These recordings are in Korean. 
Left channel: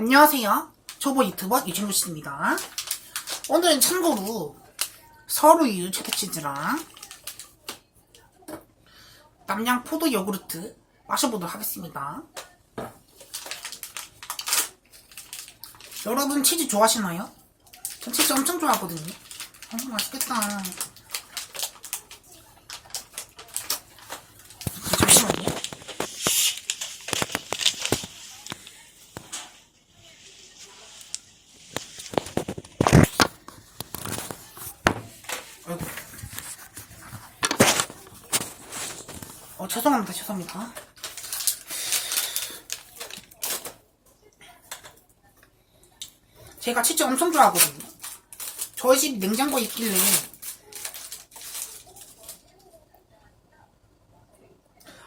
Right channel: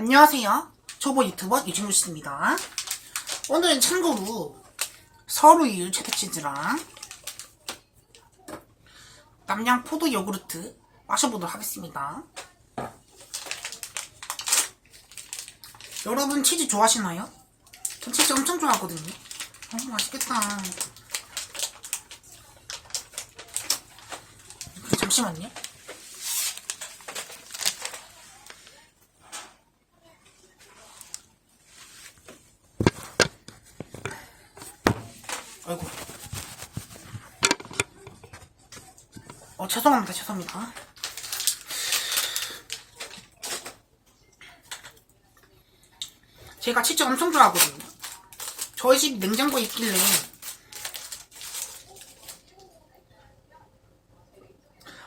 안녕하세요. 초보 유튜버 유진우 씨입니다. 오늘은 참고로 서루유 체다치즈랑 남양 포도 요구르트 마셔보도록 하겠습니다. 여러분 치즈 좋아하시나요? 전 치즈 엄청 좋아하거든요. 어, 맛있겠다. 잠시만요. 아이고. 어, 죄송합니다. 죄송합니다. 제가 치즈 엄청 좋아하거든요. 저희 집 냉장고에 있길래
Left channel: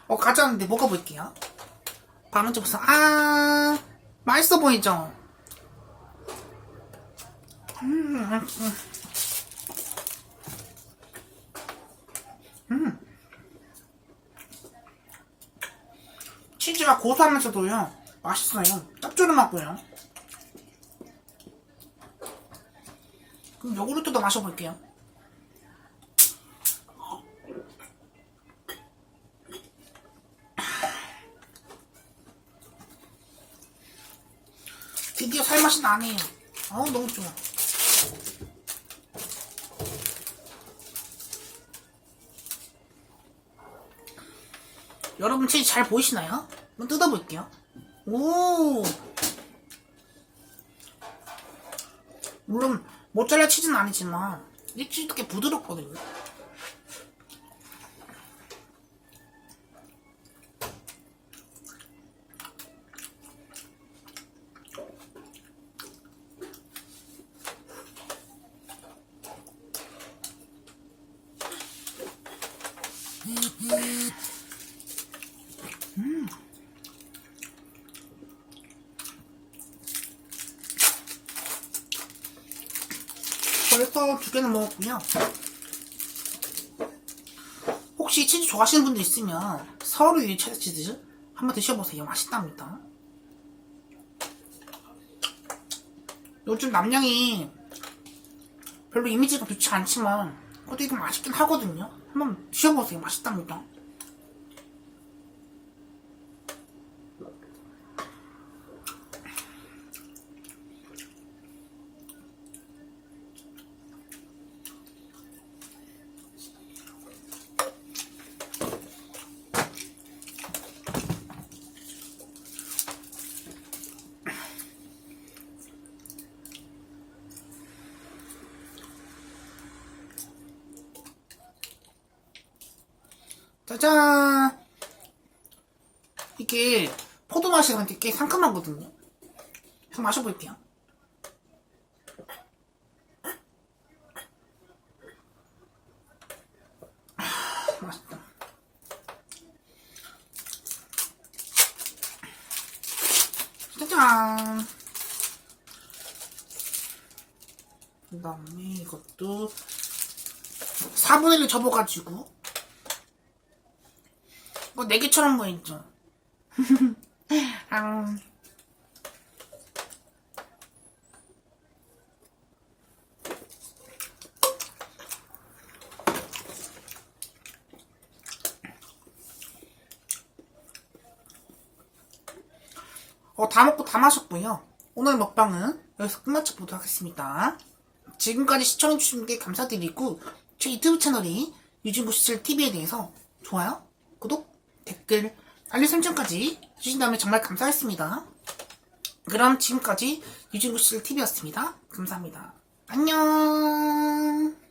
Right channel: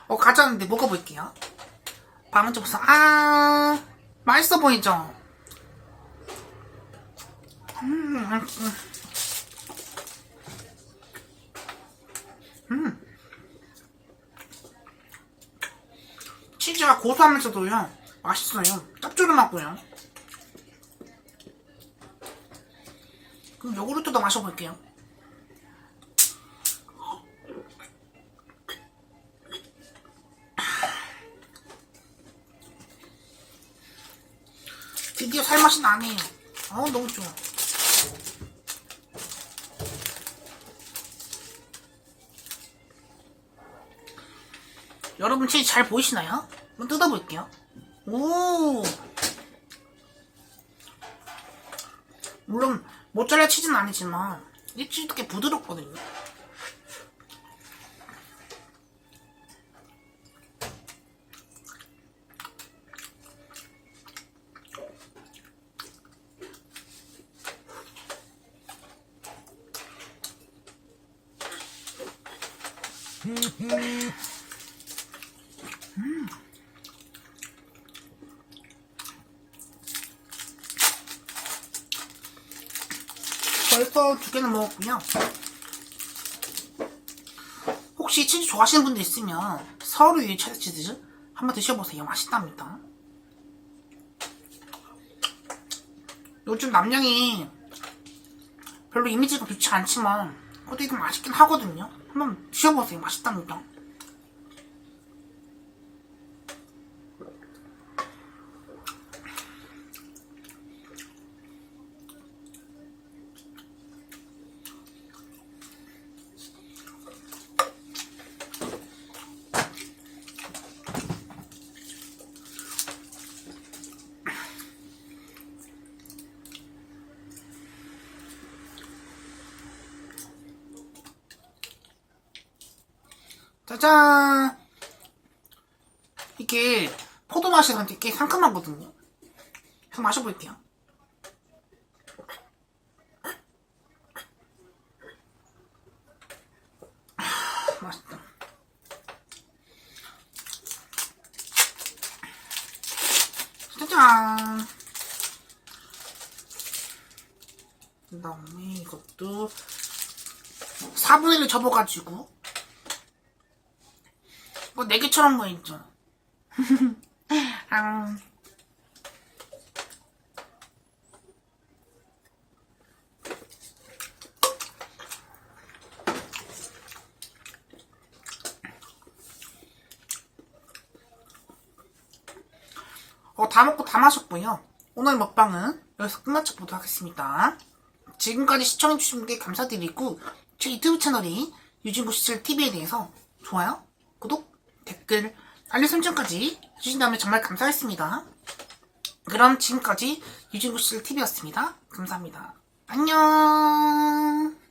어 가져왔는데 먹어볼게요. 밤은 좀 아, 맛있어 보이죠? 음, 음, 치즈가 고소하면서도요 맛있어요. 짭조름하고요. 그럼 요구르트도 마셔볼게요. 드디어 살맛이 나네요. 어우 너무 좋아 여러분 치즈 잘 보이시나요? 한번 뜯어볼게요. 오! 물론 모짜렐라 치즈는 아니지만 이 치즈도 꽤 부드럽거든요. 벌써 두 개는 먹었고요. 혹시 치즈 좋아하시는 분들 있으면 서울 위에 체다 치즈 한번 드셔보세요. 맛있답니다. 요즘 남양이 별로 이미지가 좋지 않지만 그래도 이거 맛있긴 하거든요. 한번 드셔보세요. 맛있답니다. 짜잔! 이게 포도 맛이랑 되게 상큼하거든요. 한번 마셔볼게요. 아, 맛있다. 짜잔! 그 다음에 이것도 4분의 1을 접어가지고 뭐 내게처럼 보이죠? 아. 어, 다 먹고 다 마셨고요. 오늘 먹방은 여기서 끝마쳐 보도록 하겠습니다. 지금까지 시청해주신 분께 감사드리고 제 유튜브 채널이 유진구시철 TV에 대해서 좋아요, 구독, 댓글, 알림 설정까지 해주신다면 정말 감사하겠습니다. 그럼 지금까지 유진구씨TV였습니다. 감사합니다. 안녕!